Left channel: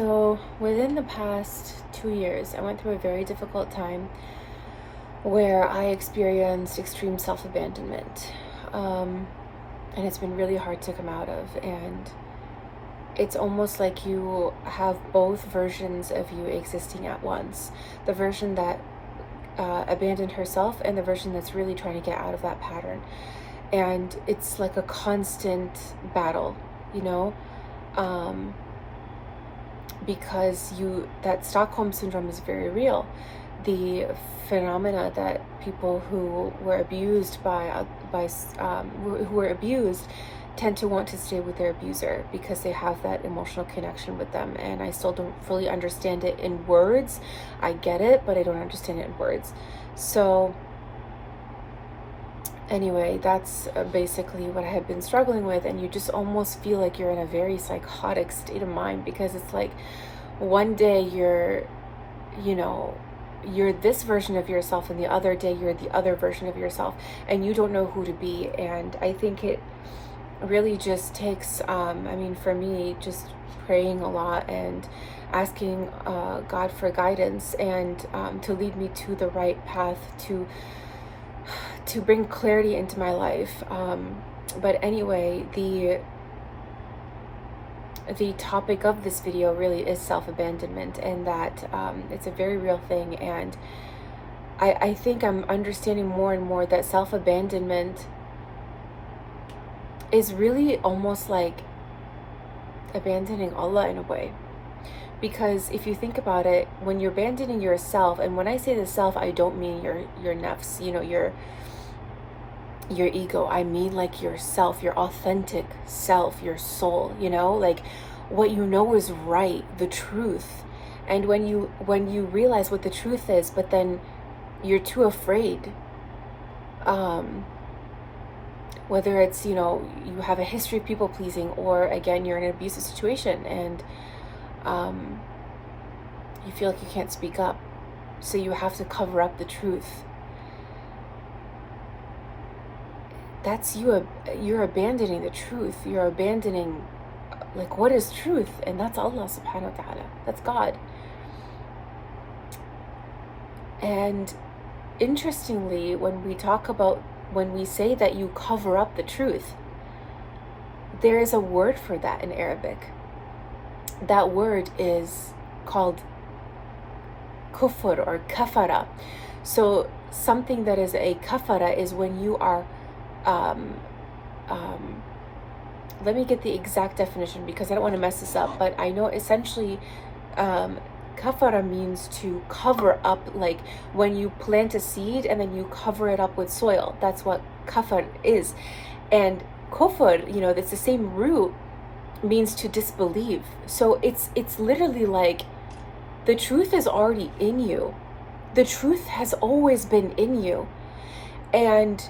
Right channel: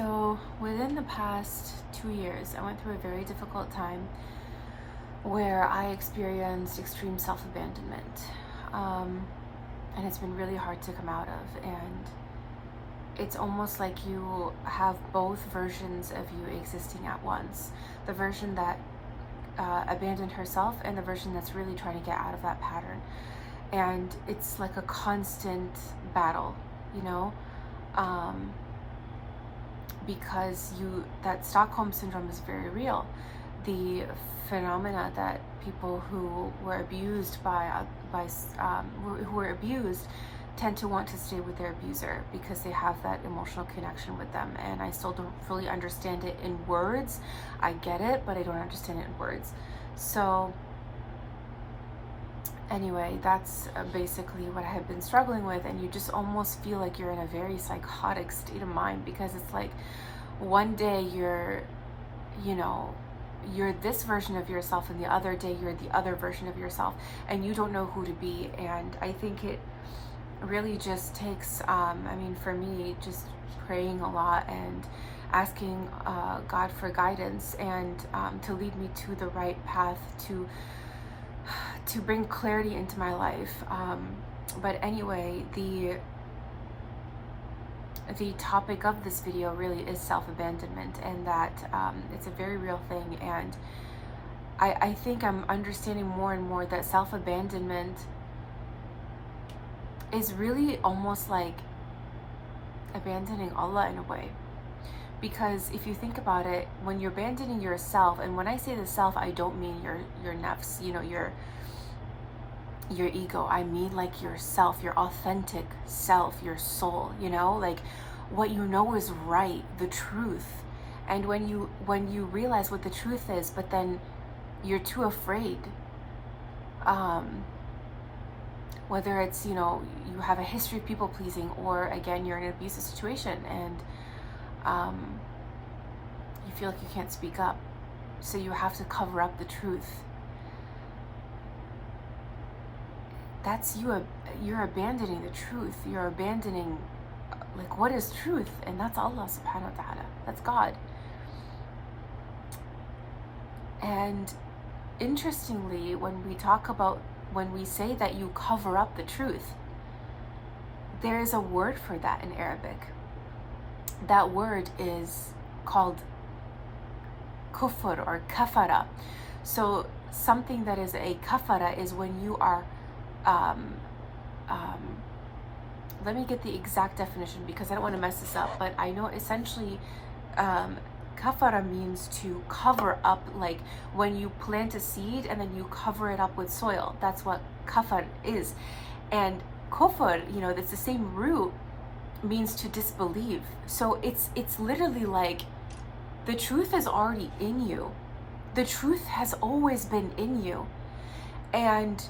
So within the past 2 years, I went through a very difficult time where I experienced extreme self-abandonment. And it's been really hard to come out of. And it's almost like you have both versions of you existing at once. The version that abandoned herself and the version that's really trying to get out of that pattern. And it's like a constant battle, you know? Because that Stockholm syndrome is very real. The phenomena that people who were abused who were abused tend to want to stay with their abuser because they have that emotional connection with them. And I still don't fully understand it in words. I get it, but I don't understand it in words. So anyway, that's basically what I have been struggling with. And you just almost feel like you're in a very psychotic state of mind, because it's like one day you're this version of yourself, and the other day you're the other version of yourself, and you don't know who to be. And I think it really just takes, for me, just praying a lot and asking God for guidance and to lead me to the right path, to bring clarity into my life. But anyway, the topic of this video really is self-abandonment, and that it's a very real thing. And I think I'm understanding more and more that self-abandonment is really almost like abandoning Allah in a way. Because if you think about it, when you're abandoning yourself, and when I say the self, I don't mean your nafs, your ego. I mean like yourself, your authentic self, your soul, like what you know is right, the truth. And when you realize what the truth is, but then you're too afraid, whether it's, you have a history of people pleasing, or again, you're in an abusive situation and you feel like you can't speak up, so you have to cover up the truth. That's you're abandoning the truth. You're abandoning, like, what is truth? And that's Allah subhanahu wa ta'ala. That's God. And interestingly, when we say that you cover up the truth, there is a word for that in Arabic. That word is called kufr or kafara. So something that is a kafara is when you are let me get the exact definition, because I don't want to mess this up, but I know essentially kafara means to cover up, like when you plant a seed and then you cover it up with soil. That's what kafar is. And kufr, it's the same root, means to disbelieve. So it's literally like the truth is already in you. The truth has always been in you. And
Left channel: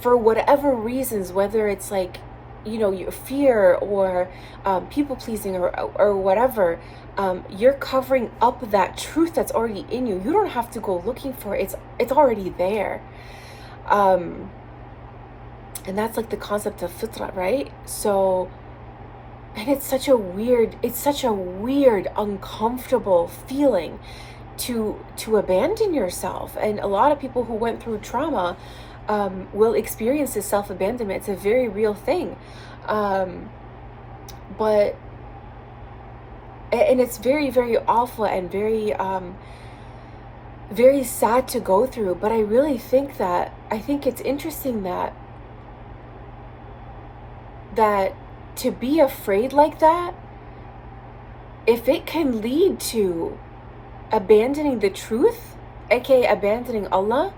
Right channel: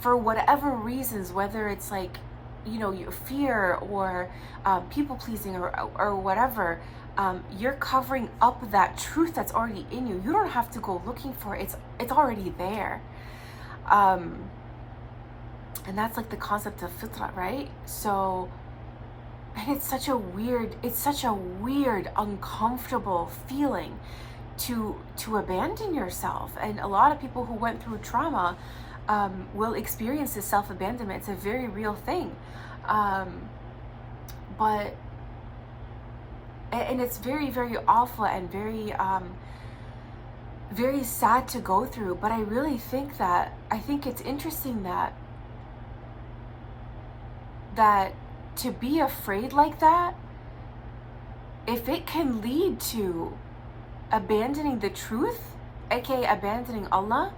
for whatever reasons, whether it's like, your fear or people pleasing or whatever, you're covering up that truth that's already in you. You don't have to go looking for it. It's already there. And that's like the concept of fitra, right? So, and it's such a weird, uncomfortable feeling to abandon yourself. And a lot of people who went through trauma will experience this self-abandonment. It's a very real thing. But it's very, very awful and very, very sad to go through. But I really think it's interesting that to be afraid like that, if it can lead to abandoning the truth, aka abandoning Allah,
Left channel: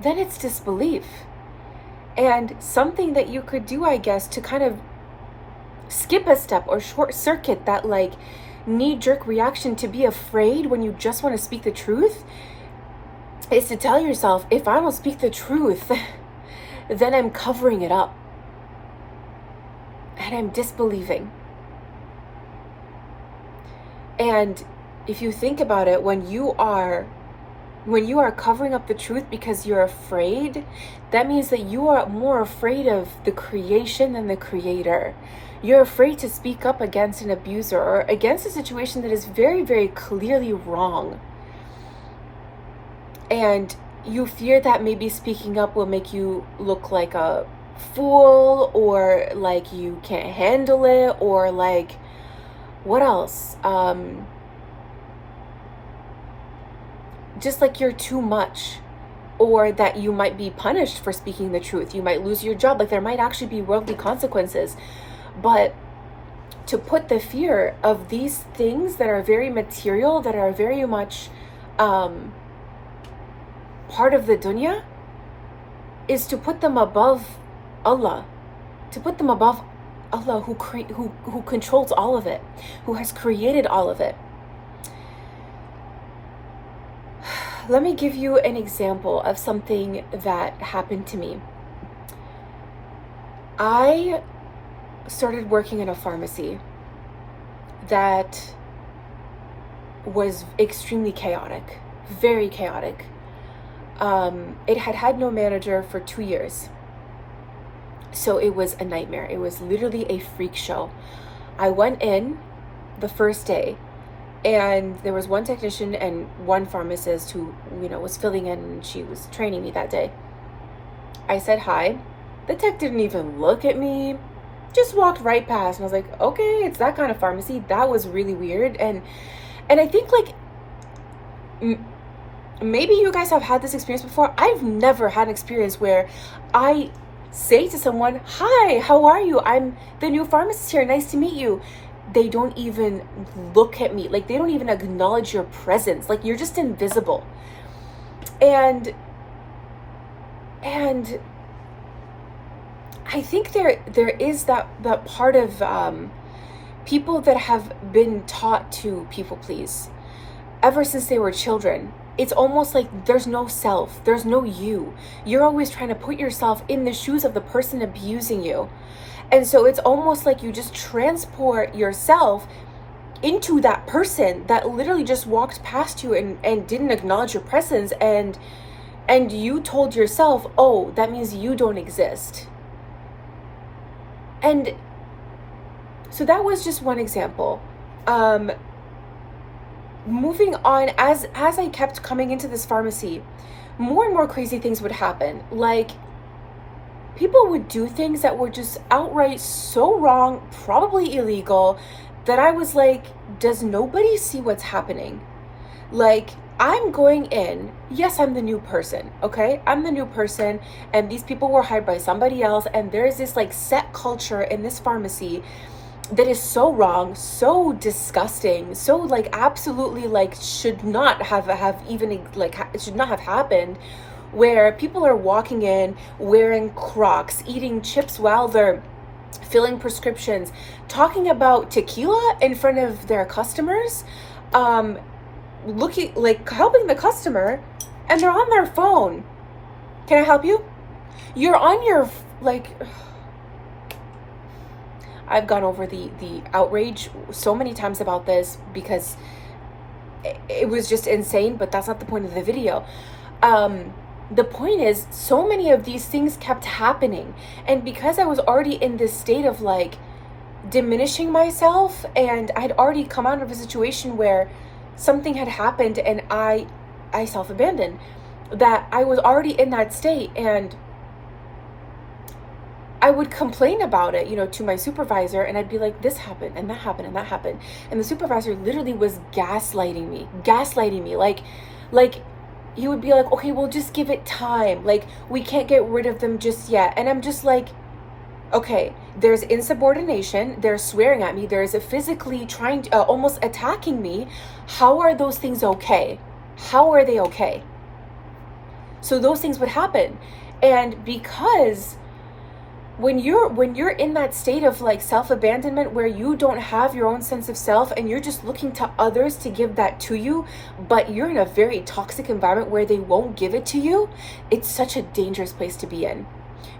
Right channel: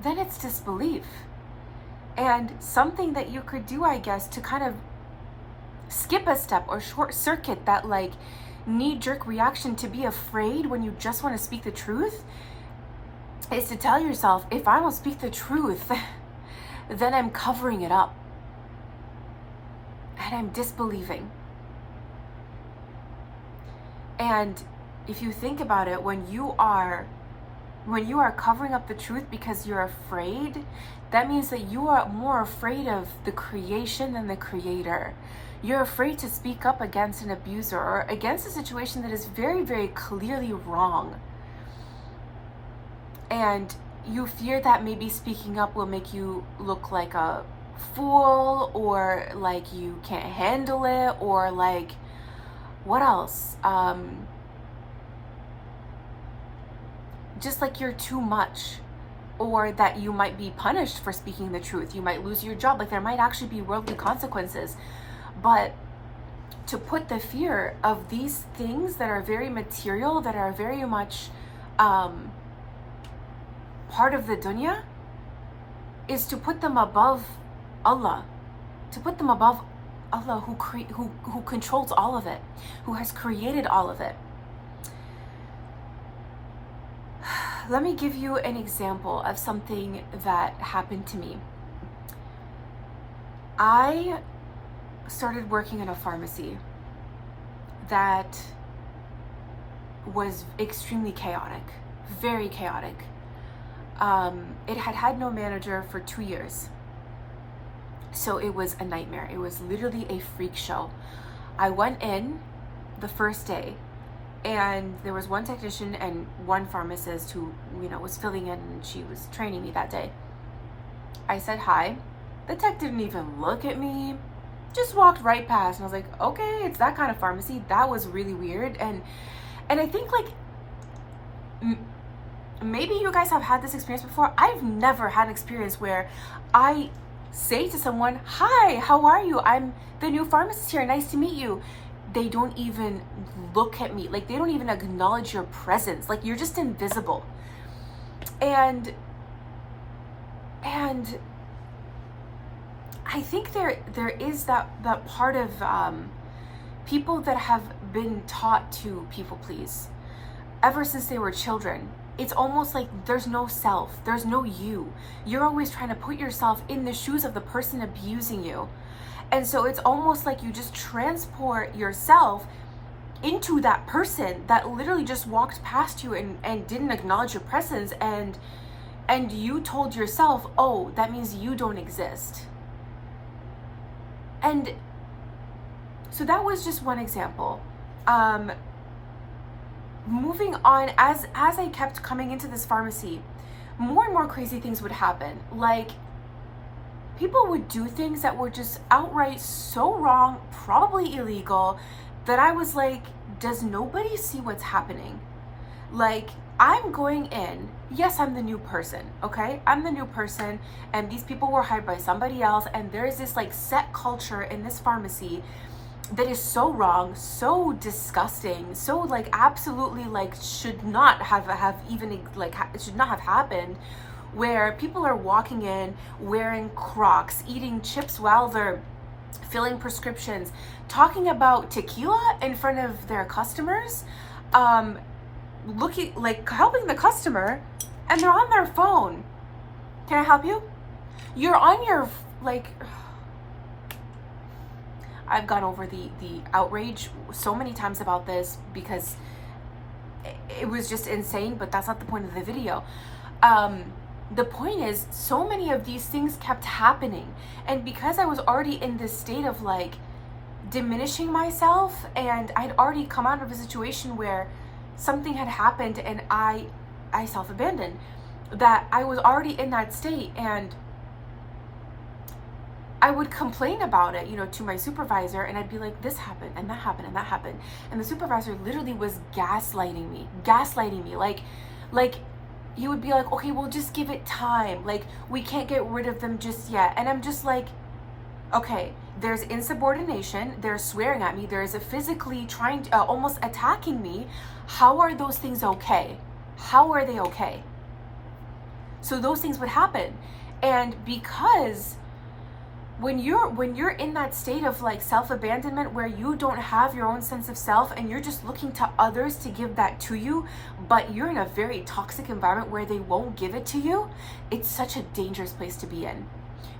then it's disbelief. And something that you could do, I guess, to kind of skip a step or short circuit that like knee-jerk reaction to be afraid when you just want to speak the truth, is to tell yourself, if I don't speak the truth, then I'm covering it up and I'm disbelieving. And if you think about it, when you are covering up the truth because you're afraid, that means that you are more afraid of the creation than the creator. You're afraid to speak up against an abuser or against a situation that is very, very clearly wrong. And you fear that maybe speaking up will make you look like a fool, or like you can't handle it, or like, what else? Just like you're too much, or that you might be punished for speaking the truth. You might lose your job. Like, there might actually be worldly consequences. But to put the fear of these things that are very material, that are very much part of the dunya, is to put them above Allah, to put them above Allah, who controls all of it, who has created all of it. Let me give you an example of something that happened to me. I started working in a pharmacy that was extremely chaotic, very chaotic. It had no manager for 2 years. So it was a nightmare. It was literally a freak show. I went in the first day, and there was one technician and one pharmacist who, was filling in, and she was training me that day. I said hi. The tech didn't even look at me, just walked right past. And I was like, okay, it's that kind of pharmacy. That was really weird. And I think, like, maybe you guys have had this experience before. I've never had an experience where I say to someone, hi, how are you? I'm the new pharmacist here. Nice to meet you. They don't even look at me. Like, they don't even acknowledge your presence. Like, you're just invisible. And I think there is that part of people that have been taught to people please ever since they were children. It's almost like there's no self, there's no you. You're always trying to put yourself in the shoes of the person abusing you. And so it's almost like you just transport yourself into that person that literally just walked past you and didn't acknowledge your presence, and you told yourself, oh, that means you don't exist. And so that was just one example. Moving on, as I kept coming into this pharmacy, more and more crazy things would happen. Like, people would do things that were just outright so wrong, probably illegal, that I was like, does nobody see what's happening? Like, I'm going in, yes, I'm the new person, okay? I'm the new person, and these people were hired by somebody else, and there's this like set culture in this pharmacy that is so wrong, so disgusting, so like absolutely like should not have even like it should not have happened, where people are walking in wearing Crocs, eating chips while they're filling prescriptions, talking about tequila in front of their customers, looking like helping the customer, and they're on their phone. Can I help you? You're on your like. I've gone over the outrage so many times about this because it was just insane, but that's not the point of the video. The point is, so many of these things kept happening, and because I was already in this state of like diminishing myself, and I'd already come out of a situation where something had happened and I self-abandoned, that I was already in that state, and I would complain about it, to my supervisor, and I'd be like, this happened, and that happened, and that happened. And the supervisor literally was gaslighting me. Like he would be like, okay, well, just give it time. Like, we can't get rid of them just yet. And I'm just like, okay, there's insubordination, they're swearing at me, there's a physically trying to, almost attacking me. How are those things okay? How are they okay? So those things would happen. And because when you're in that state of like self-abandonment, where you don't have your own sense of self and you're just looking to others to give that to you, but you're in a very toxic environment where they won't give it to you, it's such a dangerous place to be in.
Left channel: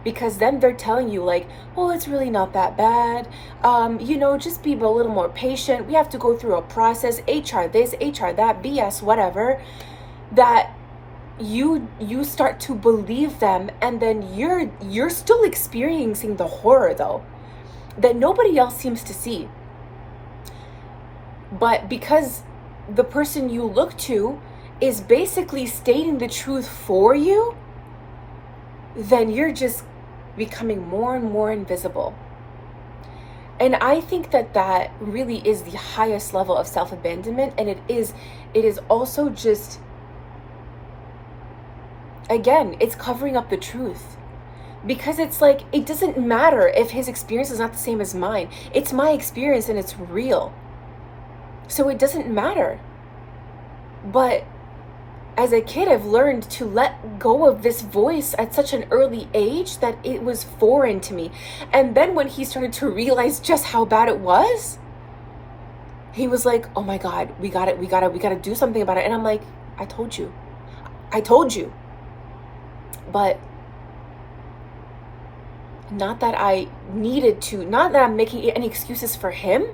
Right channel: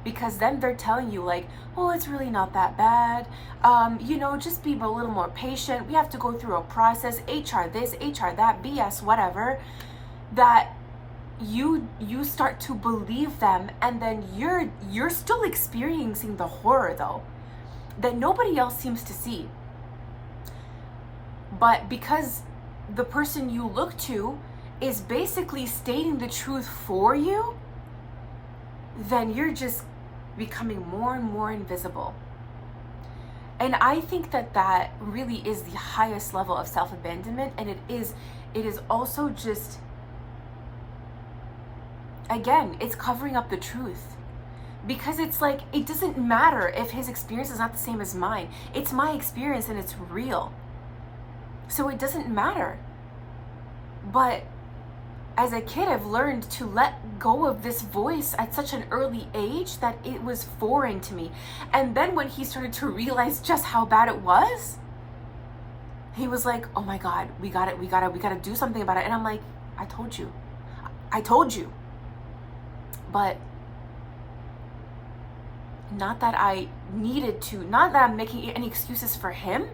Because then they're telling you like, well, it's really not that bad, just be a little more patient, we have to go through a process, HR this, HR that, BS, whatever, that you start to believe them, and then you're still experiencing the horror though. that nobody else seems to see. But because the person you look to is basically stating the truth for you, then you're just becoming more and more invisible. And I think that that really is the highest level of self-abandonment. And it is also just, again, it's covering up the truth. Because it's like, it doesn't matter if his experience is not the same as mine. It's my experience and it's real. So it doesn't matter. But as a kid, I've learned to let go of this voice at such an early age that it was foreign to me. And then when he started to realize just how bad it was, he was like, oh my God, we gotta do something about it. And I'm like, I told you. But not that I needed to, not that I'm making any excuses for him,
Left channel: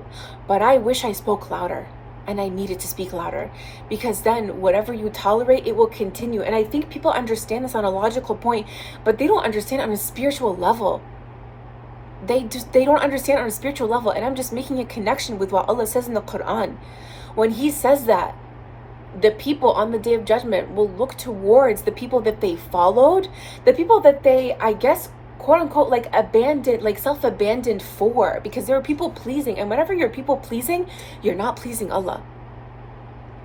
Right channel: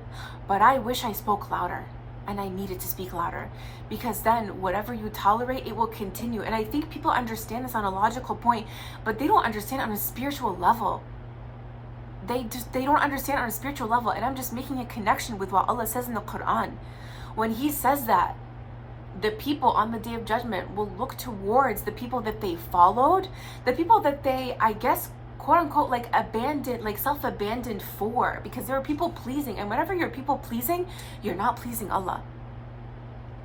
but I wish I spoke louder. And I needed to speak louder, because then whatever you tolerate, it will continue. And I think people understand this on a logical point, but they don't understand on a spiritual level. They don't understand on a spiritual level. And I'm just making a connection with what Allah says in the Quran. When he says that the people on the day of judgment will look towards the people that they followed, the people that they, I guess, quote unquote, like abandoned, like self-abandoned for, because they were people pleasing. And whenever you're people pleasing, you're not pleasing Allah.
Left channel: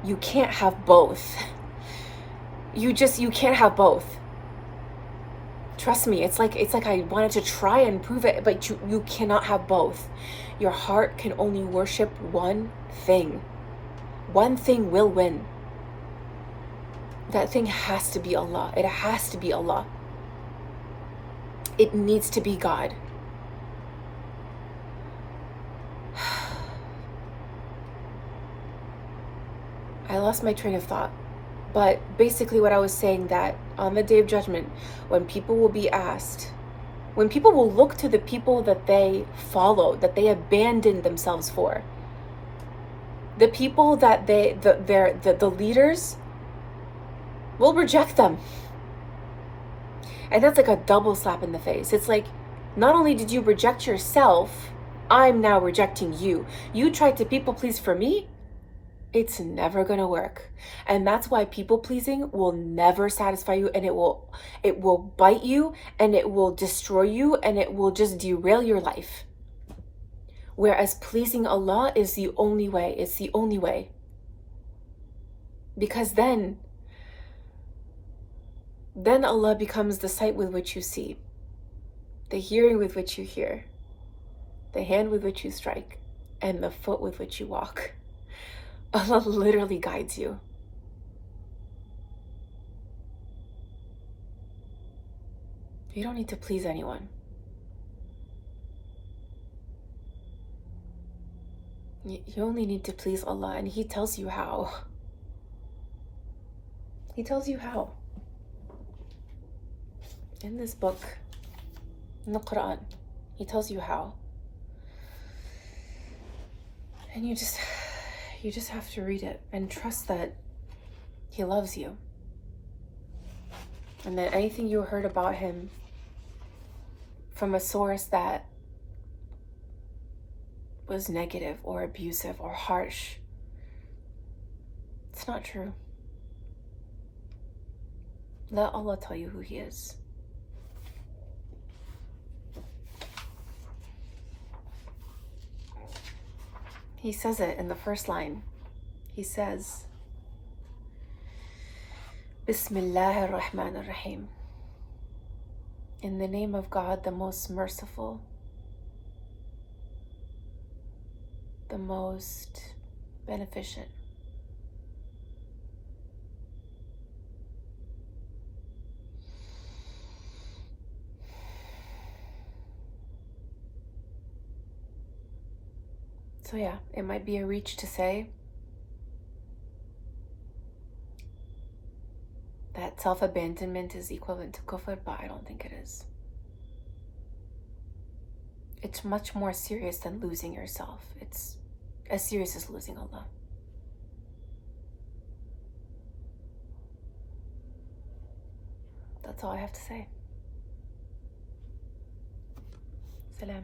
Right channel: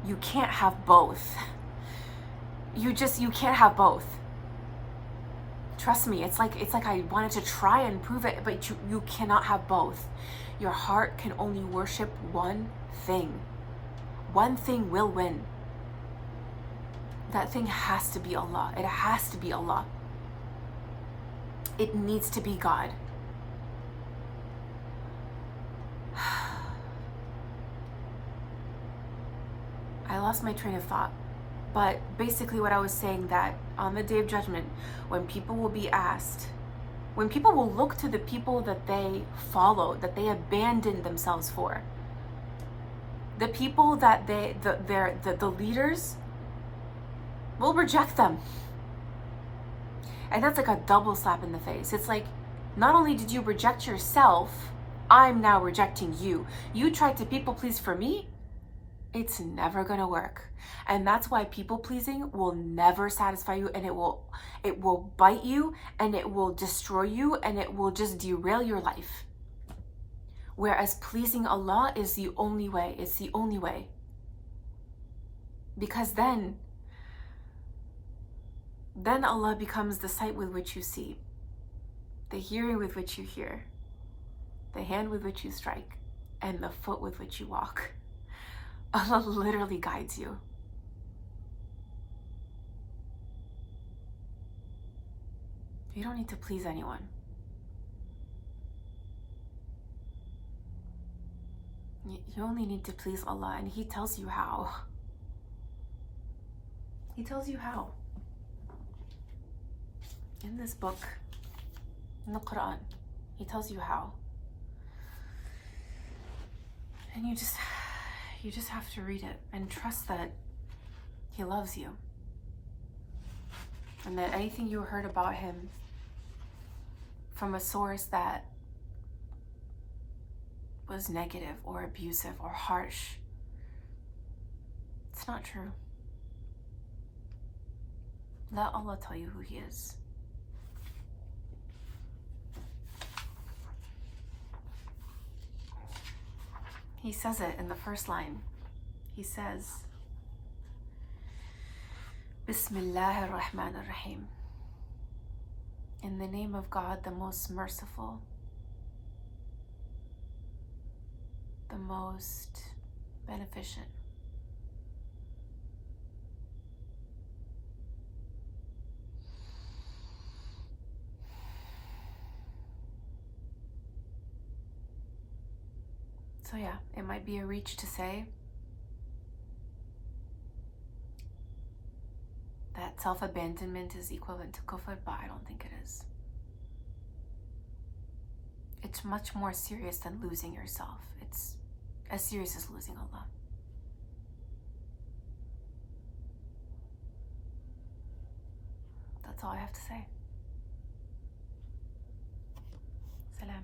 You can't have both. You can't have both. Trust me, it's like I wanted to try and prove it, but you cannot have both. Your heart can only worship one thing. One thing will win. That thing has to be Allah. It has to be Allah. It needs to be God. I lost my train of thought. But basically what I was saying, that on the day of judgment, when people will be asked, when people will look to the people that they followed, that they abandoned themselves for, the people that the leaders will reject them. And that's like a double slap in the face. It's like, not only did you reject yourself, I'm now rejecting you. You tried to people please for me. It's never gonna work. And that's why people pleasing will never satisfy you, and it will bite you, and it will destroy you, and it will just derail your life. Whereas pleasing Allah is the only way. It's the only way. Because then Allah becomes the sight with which you see, the hearing with which you hear, the hand with which you strike, and the foot with which you walk. Allah literally guides you. You don't need to please anyone. You only need to please Allah, and He tells you how. He tells you how. In this book, in the Quran, He tells you how. And you just have to read it and trust that He loves you. And that anything you heard about Him from a source that was negative or abusive or harsh, it's not true. Let Allah tell you who He is. He says it in the first line. He says, Bismillahir Rahmanir Rahim. In the name of God, the most merciful, the most beneficent. So yeah, it might be a reach to say that self-abandonment is equivalent to kufr, but I don't think it is. It's much more serious than losing yourself. It's as serious as losing Allah. That's all I have to say. Salam.